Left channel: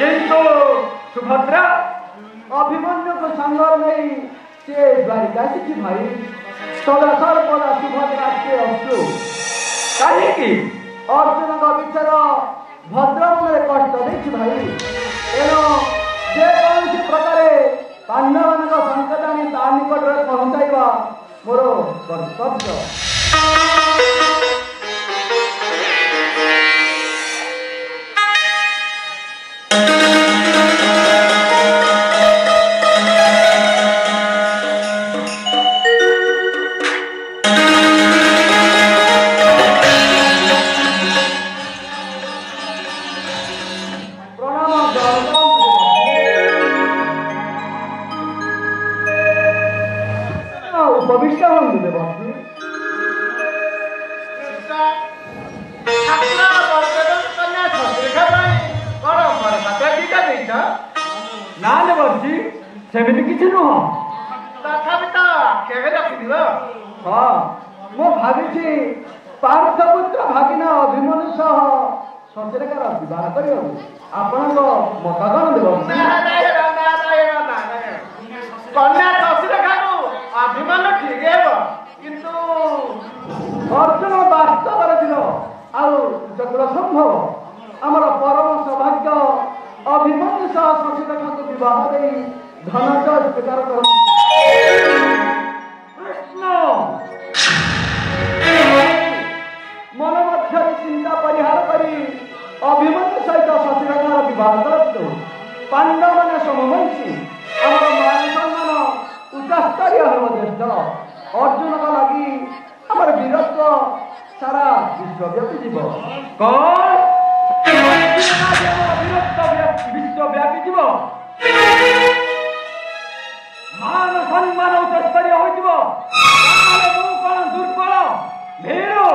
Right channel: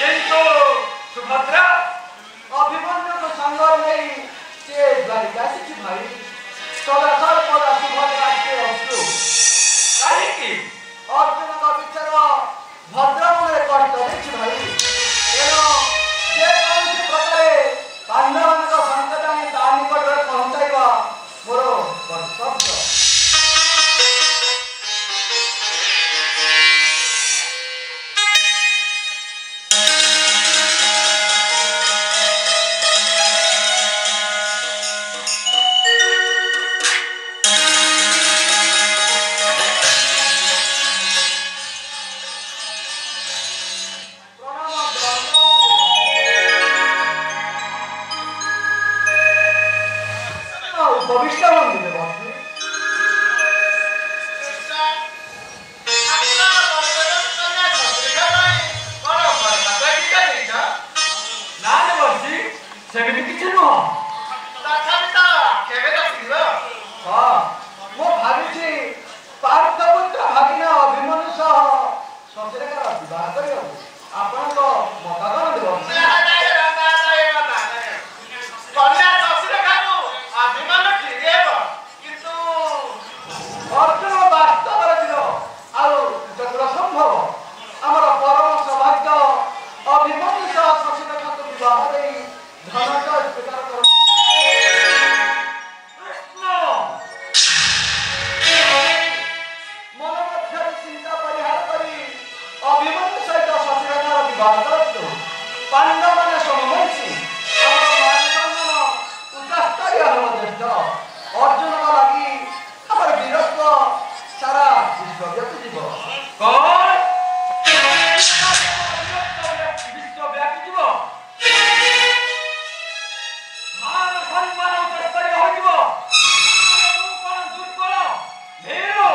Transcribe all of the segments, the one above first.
किंतु सुभद्रा अभिमन्यु को संगर नहीं से द्वारिका से भाई सदासर पदा सुभद्रा के अस्तु कहीं की अर्जुन का विचार भद्रम में कष्ट देखी भाई एनो जे कौन से प्रकारे पांडवन का संकट आनी ता निकट में पहुंचाइबा मोर कर्तव्य सेमिति किछि नुह तथापिता केबे रखिलो हां मो भाबिछि पार्थपुत्र भागिना अभिमन्यु सह सचरेकर विवाह करियो आपण को मतदान देबो कन्या ससुरेखानु अभिमन्यु ठीक हेबो किंतु अर्जुन वास्तव दिनो आउ जत्र संभव हमर परम सौभाग्य अभिमन्यु सह सचरेकर विवाह देई धनंजय स्वीकार कर कृष्ण मन मध्य चिंता परिहार करी अभिमन्यु सहित सचरेकर विवाह करतु पांडव माने समवंशी हमर मान सम्मान उच्चस्तरीय हम ज्येष्ठ अर्जुन का लागि हमर वीरत्व सारा विश्वव्यापी जीव कौन विश्वव्यापी जीव मान सम्मान उच्चस्तरीय होइब मु कोन दुर्बल भीरु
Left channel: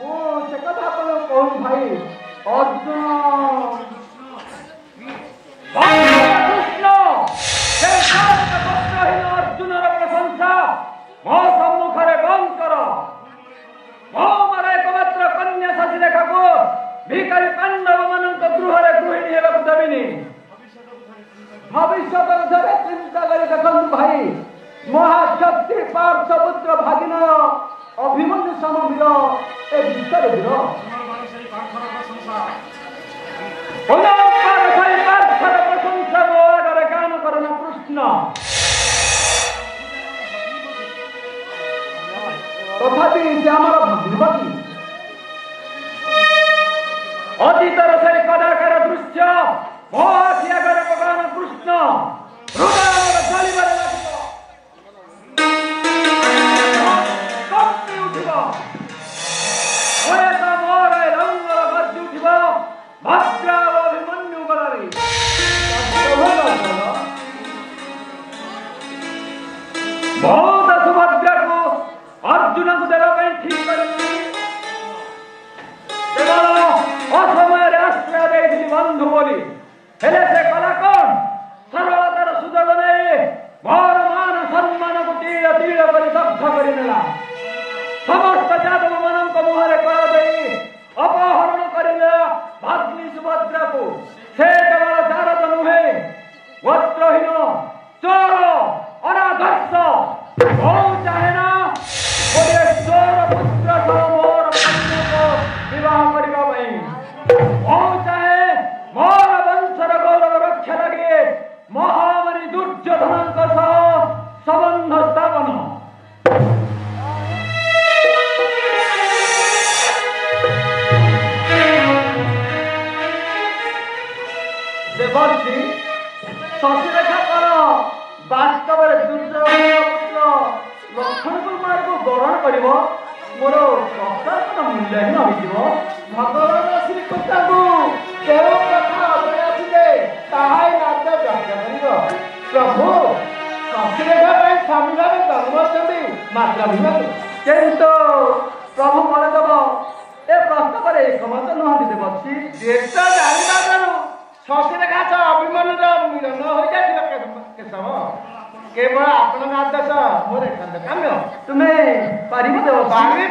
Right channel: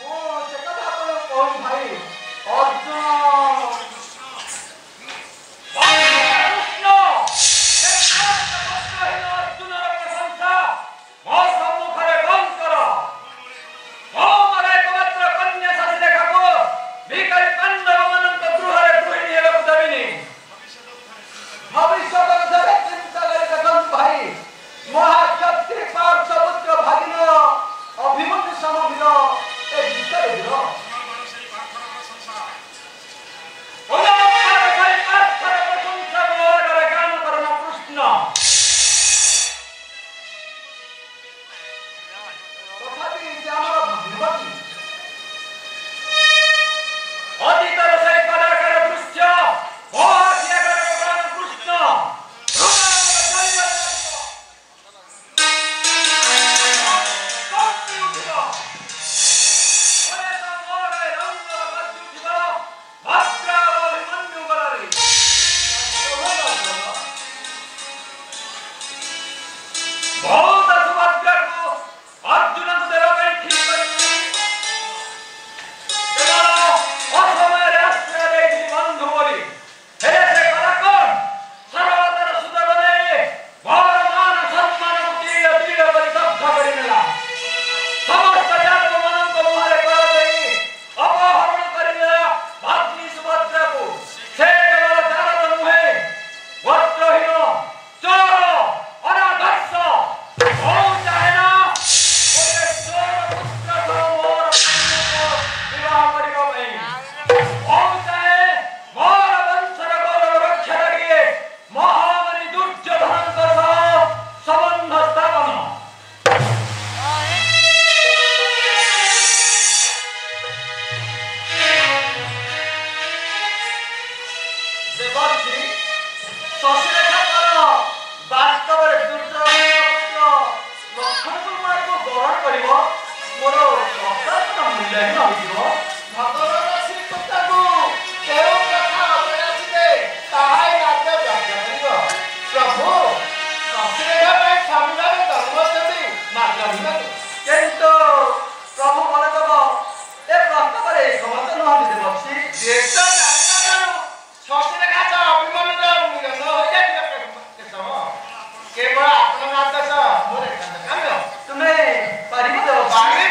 मो से कथा को कहू भाई अर्जुन कृष्ण हे शांत वस्त्रहीन अर्जुनर प्रशंसा मो सम्मुखरे बंद कर मो मर एकमात्र कन्या शशिरेखा को भिखारी पांडव मानक गृहरे गृहिणी हेबाकु देबिनी भविष्य करे चिंता करे देखन भाई महाक्षत्री पार्थपुत्र भागिना अभिमन्यु समवीर ए विषय दिनो पुनः साई पार्थर प्रशंसा मोरे गान करन कृष्ण तथापि से हमारा भगवती अतीतर से कदाकार दृश्य मोहिया करे भगवान कृष्ण हृदय जलिबरे लागिबो कपि उठिबो ओए त मोरे रंग बद्दि उठिबो भद्रा अभिमन्यु बरारी बहुत सुभद्रा को अर्जुन को देवा ପାଇଁ ठीक करी असमय राष्ट्र देखी बंधु बोली हेले से कला कौन सर्वतर सुदर बने घर मान सम्मान को तीर तीर करी दग्ध करी नेला समस्त जातक मनन को मुहरे कर देई अपहरण करी नेला भाग्नि सुभद्रा को से केवल दारद नुहे वस्त्रहीन चोर अनादर्श हो चाहे ना गोटे चोर पुत्र सह मोर को विवाह करिबा पई हो चाहे मोर वंशर गौरव रक्षा लगे महामणि दुर्योधनଙ୍କ सह संबंध स्थापन देवर्षि शशिरेखा कर वास्तव दुर्योधन लक्ष्मण कुमार को ग्रहण करिब मोर प्रशासन मूल्यहीन होइଯିବ भगवान श्रीकृष्ण को केवल कथा अग्रे आसिले ताहाई राज्य व्याख्या करिବ प्रभु ससुरेखा ପାଇଁ ସ୍ୱାମୀମାନେ ଧର୍ମଛନ୍ତି ମାତ୍ର ବିବାଦ किंतु प्रभु बलदेव ए प्रस्ताव एकमत नुहति देवर्षि ଦେଶ ଜାଣିବାରୁ ସସୁରେଖା ସହ ଅଭିମନ୍ୟୁର ମିଳନ ହୋଇଯାଇଥିଲା କେଶବ କେବଳ ଆପଣଙ୍କ ଆଦେଶ ମୋର ଏକାନ୍ତ କାମ୍ୟ तुम्हें पारिब देवर्षि ପାଣି